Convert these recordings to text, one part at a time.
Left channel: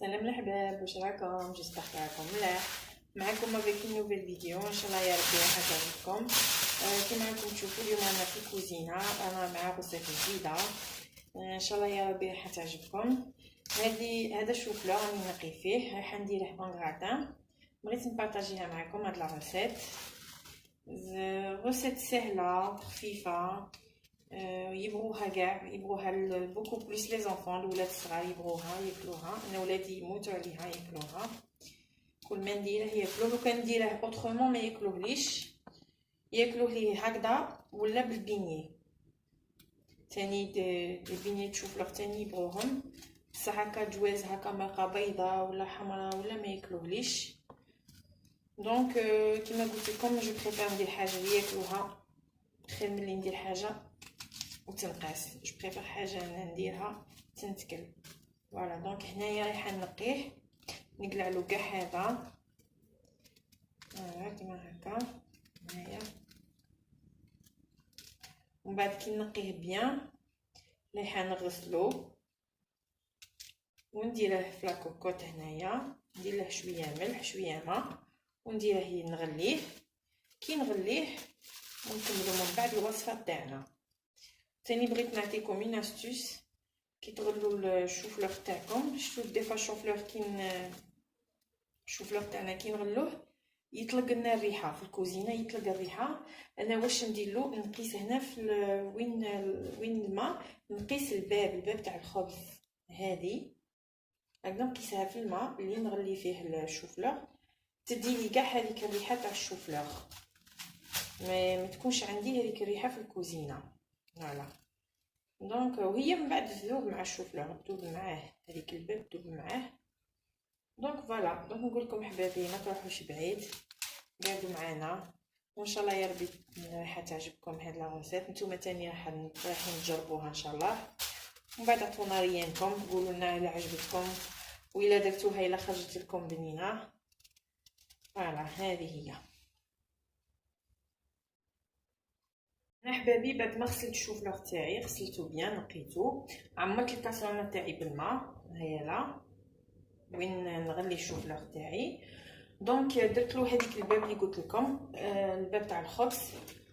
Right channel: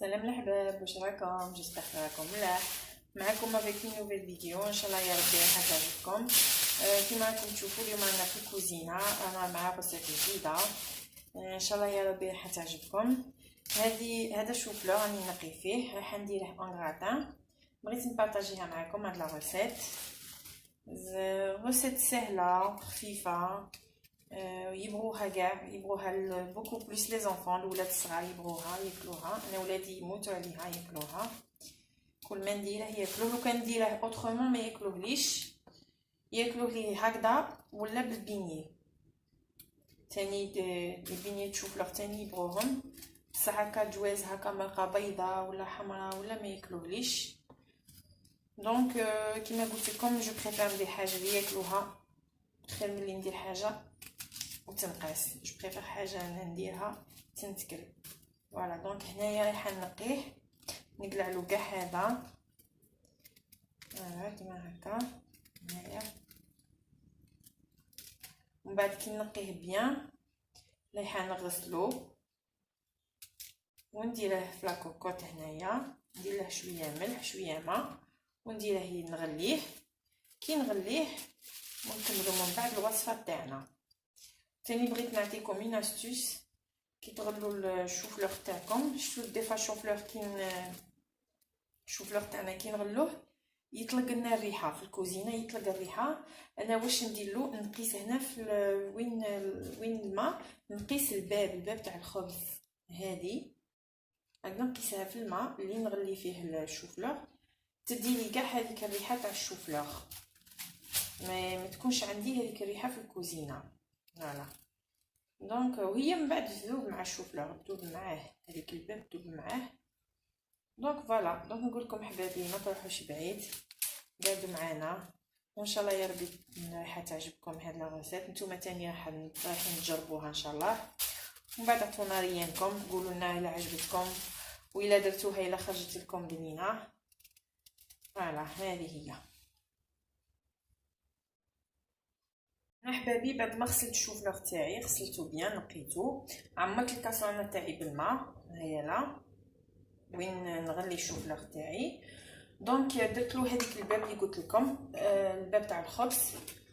سلام الحباب، واش راكم؟ جيسبر راكم ملاح. معكم افيك نوفيل فيديو ان شاء الله يا ربي راح تعجبكم. كيما راكم تشوفوا اليوم انا في الكوزينه، انا مع ريسيت جديده ان شاء الله يا ربي راح تعجبكم. هذا الشوفلور راني نقي فيه، راح نديره اون غراتان. بغيت نبارطاجيها معكم هاد لا ريسيت سهله خفيفه. يبغوها كاع، يبغوها بوكو بليس لي زونفون، الولاد الصغار يبغوها ياكلوها. انا ولادي يموتوا عليها ياكلوها، كل ما نديره ياكلوه. لو كان نديره اوترومون ما ياكلوهليش، ياكلوه لي هكذا ولا بالبيني تاني. البيني تشوف لوغ تاني يبغوهم، بصح هكا جواز هكا مرقه بيضاء ولا حمراء ولا ما ياكلوهليش. دونك كيما قلت لكم جو بريفير ندير حاجه اللي ياكلوها خير ملي ندير حاجه وتنقاس. جو بريفير حاجه نديرها تنتكل. فوالا دونك هنايا رايحه نقيه، نقلع له كاع هذا كيما هكا هنايا. ومن بعد كي نقيه بيان رايحه نغسلو ونديره في لاكوكوط. هنايا ندير له شويه ملح شويه ماء ونديره نغليه. كي نغليه ونكملو من بعد الوصفه تاعنا. تاني بغيت نعطيكم اون استوس كي تغلوا الشوفلور تاعكم. شفتوا ديفا الشوفلور الشوفلور تاعنا كي نغلوه يطلق لنا الريحه في الكوزينه، يطلق الريحه. انا واش ندير له؟ نقيس هنا في وين الماء، نقيس الباب تاع الخبز هذه هكذا، نقيسها في الماء اللي نغلي فيه الشوفلور. تدي لي كاع هذيك الريحه تاع الشوفلور، ما تكونش عندي هذيك الريحه في الكوزينه. فوالا دونك وهي من بعد تذوب مع الشوفلور، تذوب معاه هذيك الباب تذوب معاه. دونك فوالا دونك نقول لكم حبايبي ما تروحوش بعيد، قعدوا معنا وان شاء الله يا ربي راح تعجبكم هاد لا ريسيت. نتوما تاني رايحين تجربوها ان شاء الله، ومن بعد عطونا ريانكم، قولوا لنا الا عجبتكم والا درتوها الا خرجت لكم بنينه. فوالا هذه هي. انا حبابي بعد ما غسلت الشوفلور تاعي، غسلته بيان نقيته، عمرت الكاسرونه تاعي بالماء هيا لا وين نغلي الشوفلور تاعي. دونك درت له هذيك الباب اللي قلت لكم، الباب تاع الخبز.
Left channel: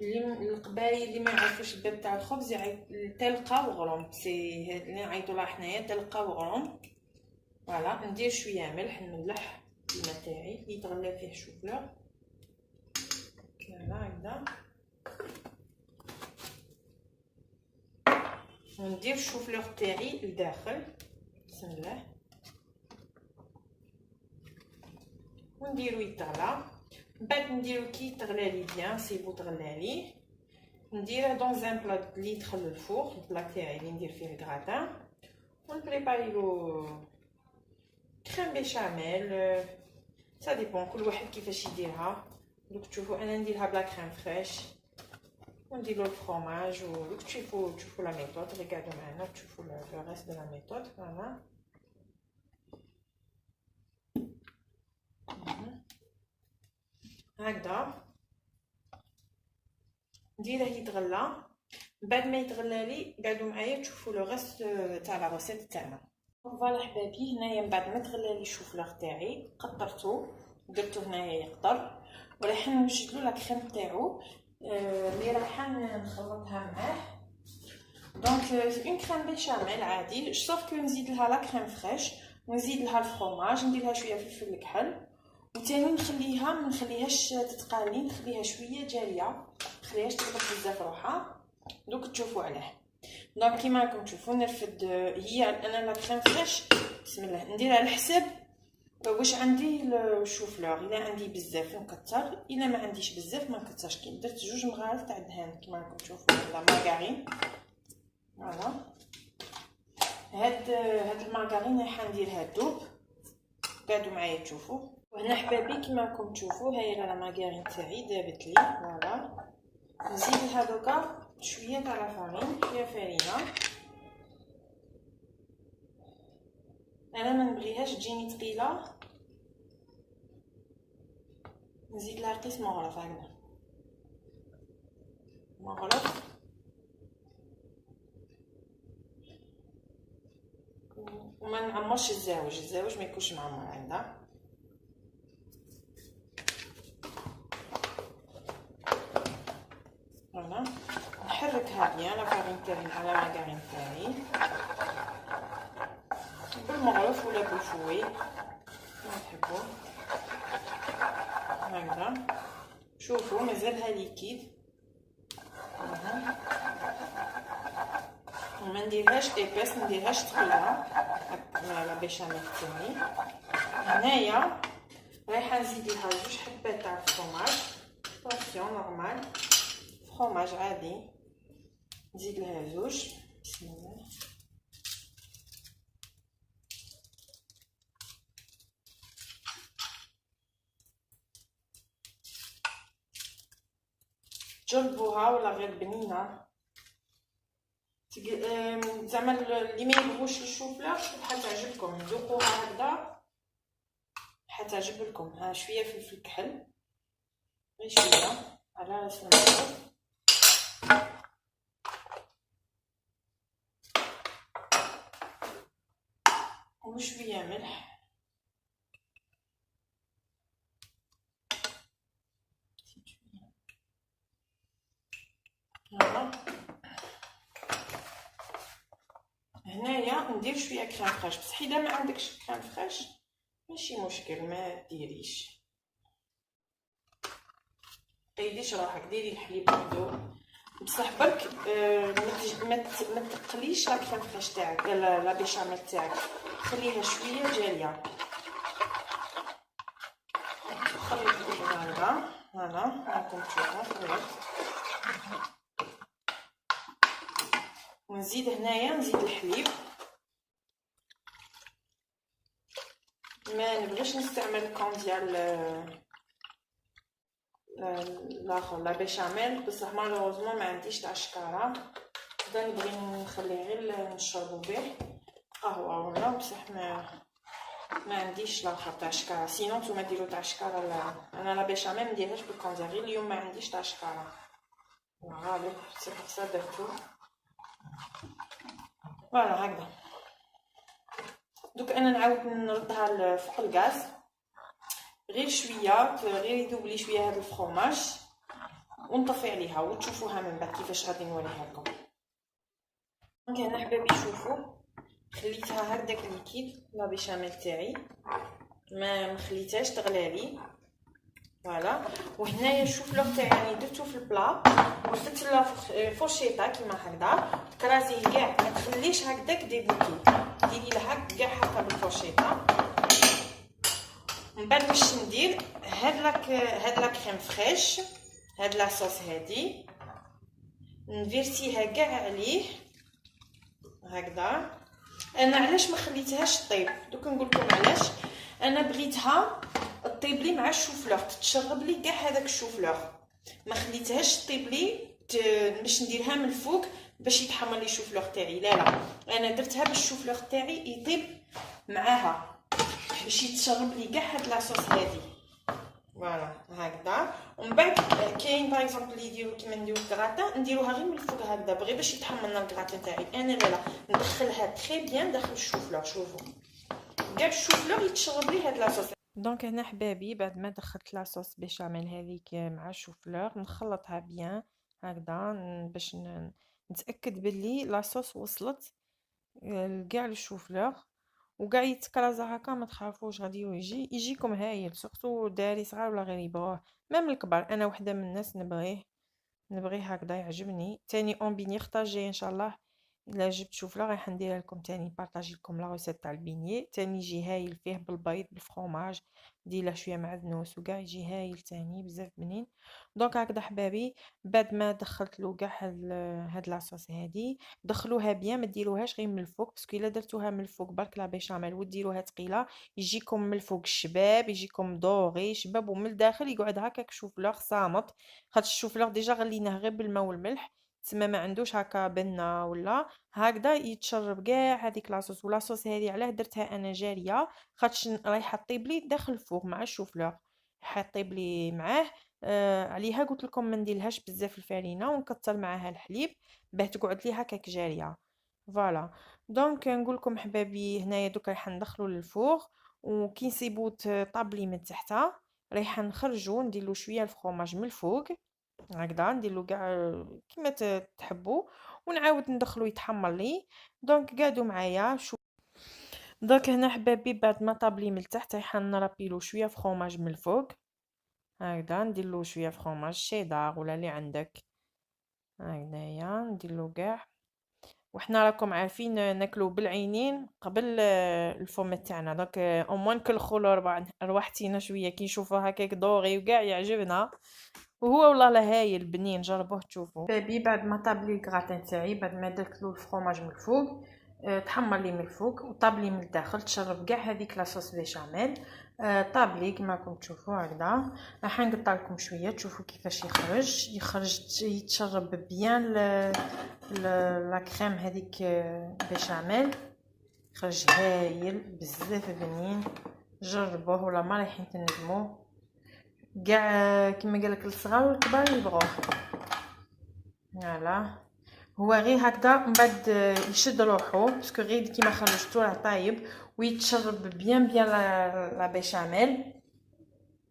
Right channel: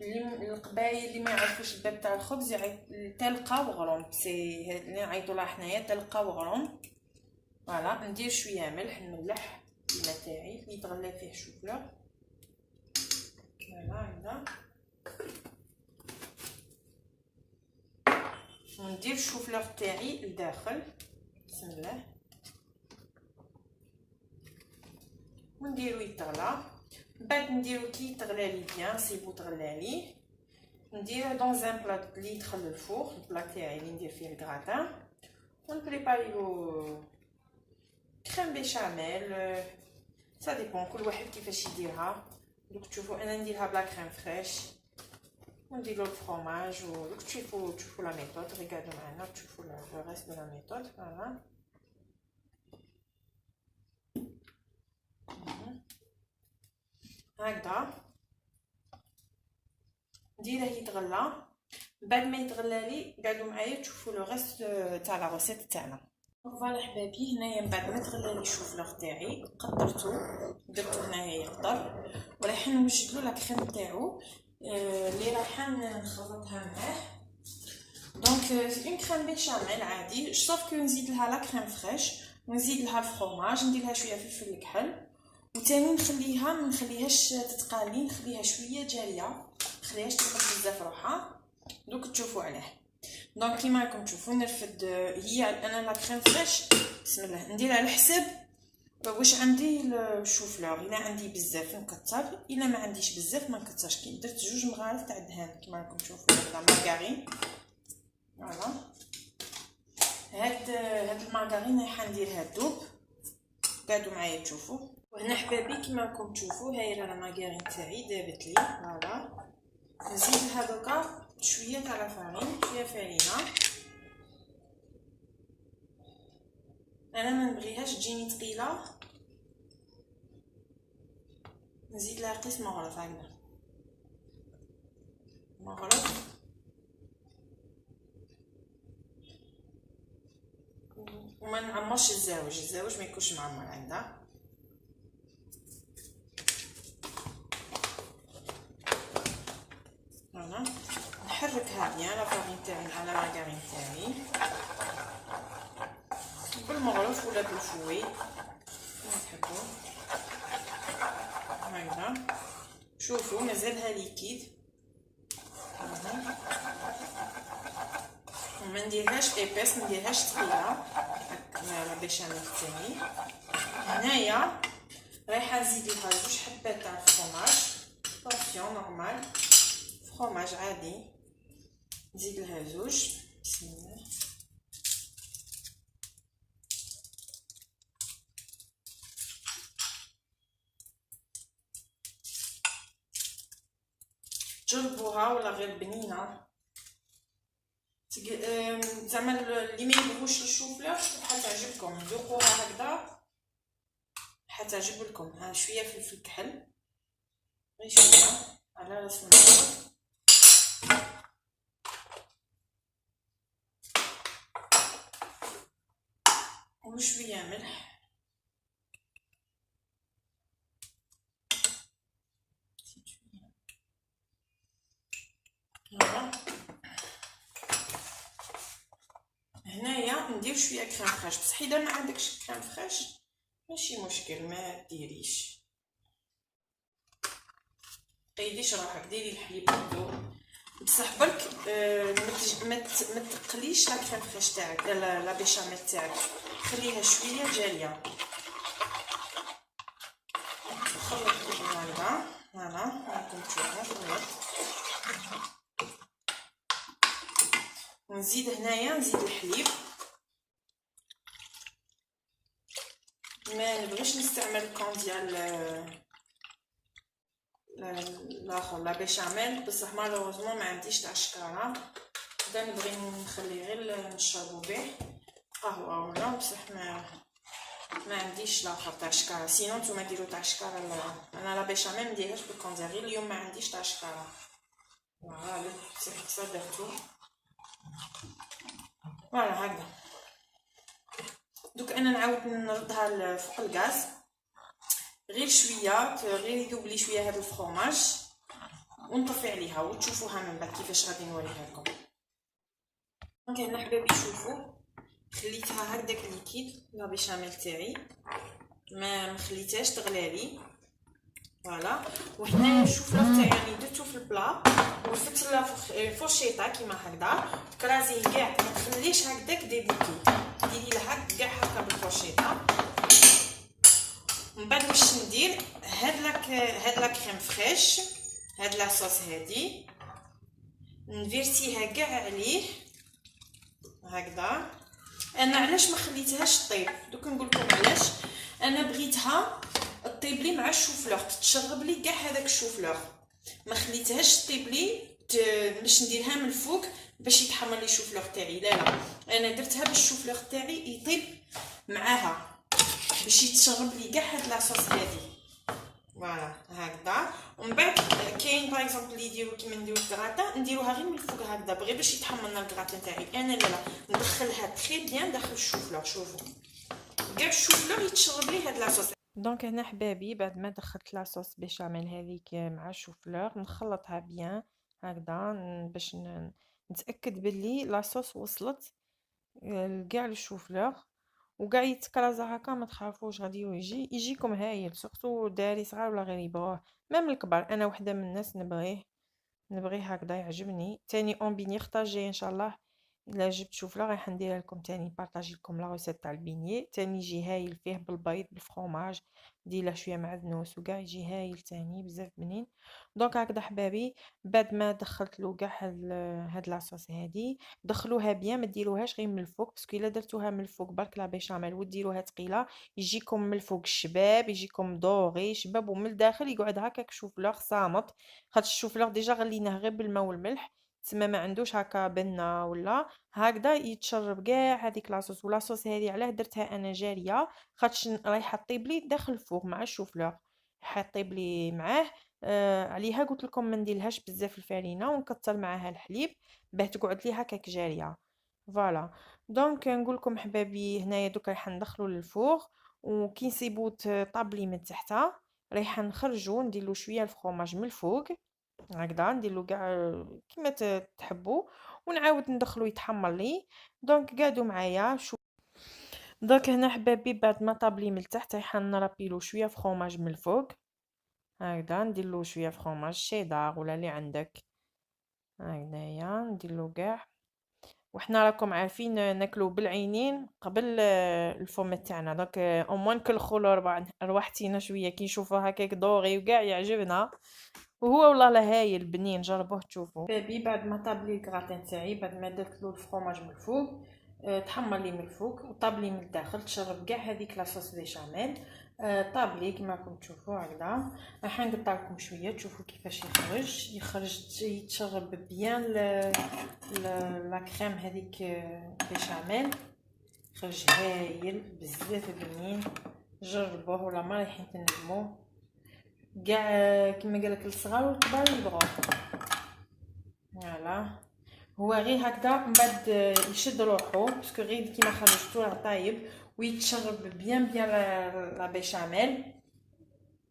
اللي القبايل اللي ما يعرفوش الباب تاع الخبز تلقى وغروم، سي هاد اللي نعيطوا لها حنايا تلقى وغروم. فوالا ندير شويه ملح، نملح الماء تاعي اللي يتغلى فيه الشوفلور. فوالا هكذا وندير الشوفلور تاعي لداخل. بسم الله ونديرو يتغلى. من بعد نديرو كي يتغلى لي بيان سيبو تغلى لي، نديره دون ان بلا اللي يدخل للفوق، البلا تاعي اللي ندير فيه الكراتان. ونبريباري له كريم بيشاميل، سا ديبون كل واحد كيفاش يديرها. دوك تشوفوا انا نديرها بلا كريم فريش وندير له الفرomاج. ودوك تشوفوا لا ميثود، ريغاردو معنا تشوفوا لو ريست دو لا ميثود. فوالا هكذا نديره يتغلى. بعد ما يتغلى لي قعدوا معايا تشوفوا لو ريست تاع لا ريسيت تاعنا. فوالا حبابي هنايا من بعد ما تغلى لي الشوفلور تاعي قطرته، درتو هنايا يقطر وراح نوجد له لا كريم تاعو اللي راح نخلطها معاه. دونك اون كريم بيشاميل عادي، صوف كو نزيد لها لا كريم فريش ونزيد لها الفرomاج، ندير لها شويه فلفل الكحل. وثاني نخليها ما نخليهاش تتقالي، نخليها شويه جاريه، ما نخليهاش تطلق بزاف روحها. دوك تشوفوا عليه. دونك كيما راكم تشوفوا نرفد هي انا لا كريم فريش. بسم الله نديرها على حسب واش عندي الشوفلور. الا عندي بزاف نكتر، الا ما عنديش بزاف ما نكترش. كي درت 2 مغارف تاع الدهان كيما راكم تشوفوا هذا مارغرين. فوالا هاد المارغرين راح نديرها دوب. قعدوا معايا تشوفوا. وهنا حبابي كيما راكم تشوفوا هاي لا مارغرين تاعي دابت لي. فوالا نزيد لها دوكا شويه تاع لا فارين، شويه فرينه. انا ما نبغيهاش تجيني ثقيله، نزيد لها قسم مغرف هكذا مغرف. وما نعمرش الزاوج ما يكونش معمر عندها. فوالا نحركها بيان لا فارين تاعي على لاكارين تاعي بالمغرف ولا بالفوي كما تحبوا. هكذا شوفوا مازالها ليكيد. وما نديرهاش ايباس، ما نديرهاش ثقيله لا بيشاميل تاعي. هنايا رايحه نزيد لها 2 حبات تاع الفرماج بورسيون نورمال، فرماج عادي نزيد لها 2. بسم الله. جربوها ولا غير بنينه زعما اللي ما يبغوش الشوفلر حتعجبكم، ذوقوها هكذا حتعجب لكم. ها شويه فلفل كحل غير شويه على راس المعروف، وشويه ملح. هنا هنايا ندير شويه كريم فريش، بصح اذا ما عندكش كريم فريش ماشي مشكل ما ديريش، قيديش روحك ديري الحليب مذوب بصح برك ما تقليش لا كريم فريش تاعك لا بيشاميل تاعك، خليها شويه جاريه. خلط هكذا راكم تشوفوا خلط. نزيد هنايا نزيد الحليب، ما نبغيش نستعمل كون ديال لاخر لا بيشاميل بصح مالوروزمون ما عنديش تاع الشكاره، دا نبغي نخليه غير نشربو به قهوه ولا بصح ما عنديش لاخر تاع الشكاره. سينو نتوما ديروا تاع الشكاره، انا لا بيشاميل مديرهاش بالكونزا، غير اليوم ما عنديش تاع الشكاره. فوالا سي بور سا درتو فوالا هكذا. دوك انا نعاود نردها فوق الغاز غير شويه، غير يذوب لي شويه هذا الفرماج ونطفي عليها وتشوفوها من بعد كيفاش غادي نوريها لكم. دونك هنا حبايبي شوفوا خليتها هكداك ليكيد لا بيشاميل تاعي ما مخليتهاش تغلالي. فوالا وهنايا الشوفلور تاعي يعني درتو في البلا وزدت له فورشيطه كيما هكذا تكرازيه كاع، ما تخليش هكداك ديبوكي، ديري لها كاع هكا بالفورشيطه. من بعد واش ندير هاد لا كريم فريش، هاد لاصوص هادي نفيرسيها كاع عليه هكذا. انا علاش ما خليتهاش طيب دوك نقول لكم علاش. انا بغيتها طيب لي مع الشوفلور، تتشرب لي كاع هذاك الشوفلور، ما خليتهاش طيب لي باش نديرها من الفوق باش يتحمر لي الشوفلور تاعي. لا انا درتها باش الشوفلور تاعي يطيب معاها باش يتشرب لي كاع هاد لاصوص هادي. فوالا هكذا. ومن بعد كاين باغ اكزومبل اللي يديروا كيما نديرو الكراطه نديروها غير من الفوق هكذا بغي باش يتحمر لنا الكراطه تاعي. انا لا ندخلها تري بيان داخل الشوفلور، شوفوا كاع الشوفلور يتشرب لي هاد لاصوص. دونك هنا حبابي بعد ما دخلت لاصوص بيشاميل هذيك مع الشوفلور نخلطها بيان هكذا باش نتاكد باللي لاصوص وصلت لكاع الشوفلور وكاع يتكرازا هكا. ما تخافوش غادي يجيكم هايل، سورتو داري صغار ولا غير يبغوه ميم الكبار. انا وحده من الناس نبغيه هكذا يعجبني. تاني اون بيني خطاجي ان شاء الله الا جبت شوفلا راح نديرها لكم تاني بارطاجي لكم لا ريسيت تاع البيني تاني يجي هايل فيه بالبيض بالفرomاج دير له شويه معدنوس وكاع يجي هايل تاني بزاف بنين. دونك هكذا حبابي بعد ما دخلت له كاع هاد لاصوص هادي دخلوها بيان ما ديروهاش غير من الفوق باسكو الا درتوها من الفوق برك لا بيشاميل وديروها ثقيله يجيكم من الفوق الشباب يجيكم دوري شباب ومن الداخل يقعد هكاك شوفلور صامت خاطر الشوفلور ديجا غليناه غير بالماء والملح تما ما عندوش هكا بنه ولا هكذا يتشرب كاع هذيك لاصوص. ولاصوص هذه علاه درتها انا جاريه خاطش رايحه طيب لي داخل الفوق مع الشوفلور حطيب لي معاه. عليها قلت لكم ما نديرلهاش بزاف الفرينه ونكثر معاها الحليب باه تقعد لي هكاك جاريه. فوالا دونك نقول لكم حبابي هنايا دوك راح ندخلو للفوغ، وكي نسيبو طابلي من تحت رايحه نخرجو نديرلو شويه الفرomاج من الفوق هكذا، نديرلو كاع كيما تحبوا، ونعاود ندخلو يتحمر لي. دونك قعدوا معايا شو. دونك هنا حبابي بعد ما طابلي من التحت رايحه نرابيلو شويه فرomاج من الفوق هكذا، نديرلو شويه فرomاج شيدار ولا اللي عندك هكذايا، نديرلو كاع. وحنا راكم عارفين ناكلو بالعينين قبل الفم تاعنا، دونك او موان نكلخو رواحتينا شويه كي نشوفوه هكاك دوري وكاع يعجبنا، وهو والله لا هايل بنين، جربوه تشوفوا. بابي بعد ما طاب لي الكراتين تاعي، بعد ما درت له الفرomاج من الفوق، تحمر لي من الفوق وطاب لي من الداخل، تشرب كاع هذيك لاصوص بيشاميل. طاب لي كما راكم تشوفوا هكذا. راح نقطع لكم شويه تشوفوا كيفاش يخرج يتشرب بيان لا كريم هذيك بيشاميل، يخرج هايل بزاف بنين. جربوه ولا ما رايحين تندموا كاع، كما قالك الصغار والكبار يبغوه. فوالا هو غير هكذا من بعد يشد روحو باسكو غير كيما خرجتو راه طايب، ويتشرب بيان لا بيشاميل،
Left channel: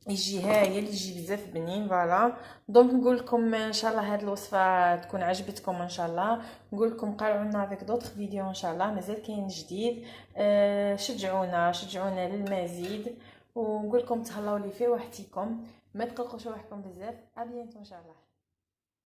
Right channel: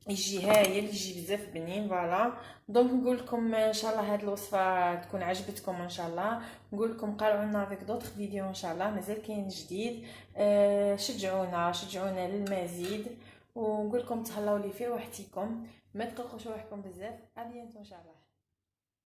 يجي هايل، يجي بزاف بنين. فوالا دونك نقول لكم ان شاء الله هاد الوصفه تكون عجبتكم ان شاء الله. نقول لكم قارعونا فيك دوطخ فيديو ان شاء الله، مازال كاين جديد. شجعونا للمزيد، ونقول لكم تهلاو لي في روحتكم، ما تقلقوش روحكم بزاف. ابيانتو ان شاء الله.